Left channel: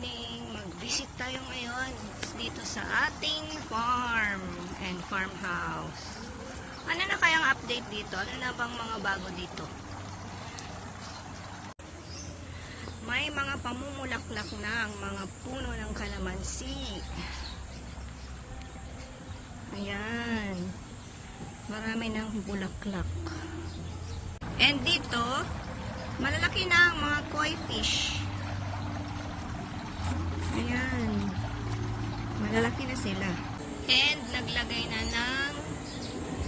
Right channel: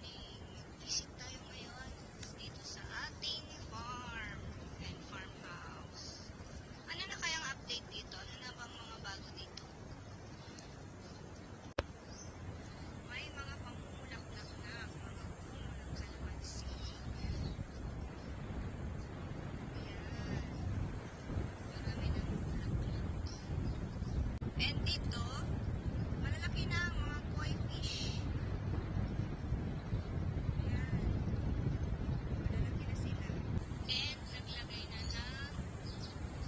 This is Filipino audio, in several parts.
morning! Mag-visit tayo ngayon dito sa ating farm and farmhouse. Ano na kayang update dito? Ano na bang mga bago dito? May mga pamumulaklak na ang mga puno ng kalamansi. Ayan. Marami ng bulaklak. And dito, malalaki na ang mga koi fish. Ayan. Malalaki na sila. And naglagay na ng,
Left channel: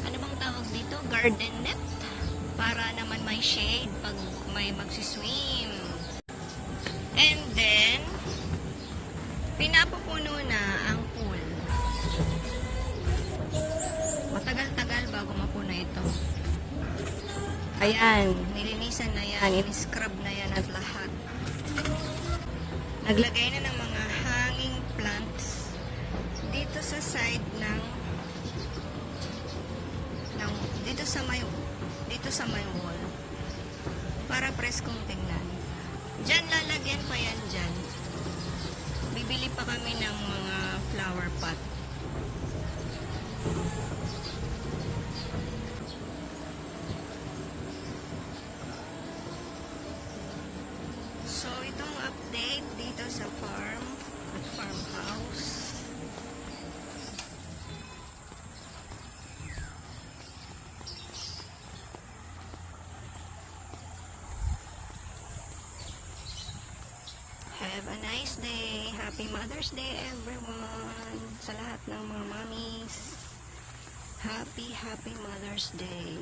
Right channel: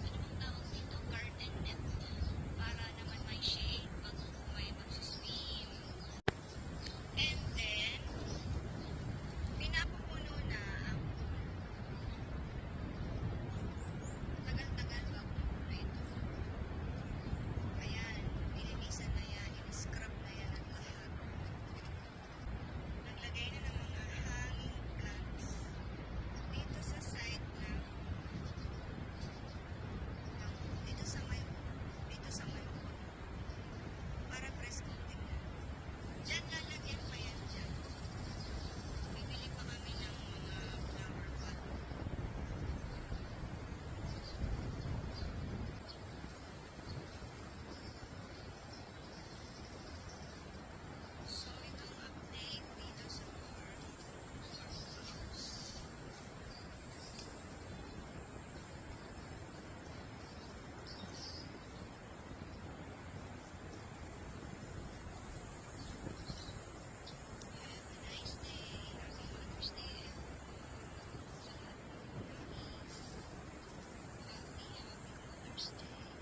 ano bang tawag dito? Garden net. Para naman may shade pag may magsiswim. And then, pinapupuno na ang pool. Matagal-tagal bago mapuno ito. Ayan, nilinisan na yan, in-scrub na yan at lahat. Naglagay na ng mga hanging plants dito sa side ng dito sa may wall para preskong tingnan. Diyan lalagyan pa yan dyan. Bibili pa kami ng mga flower pot. So, itong update dito sa farmhouse. Have a nice day. Happy Mother's Day, everyone. Sa lahat ng mga mommies. Happy Mother's Day.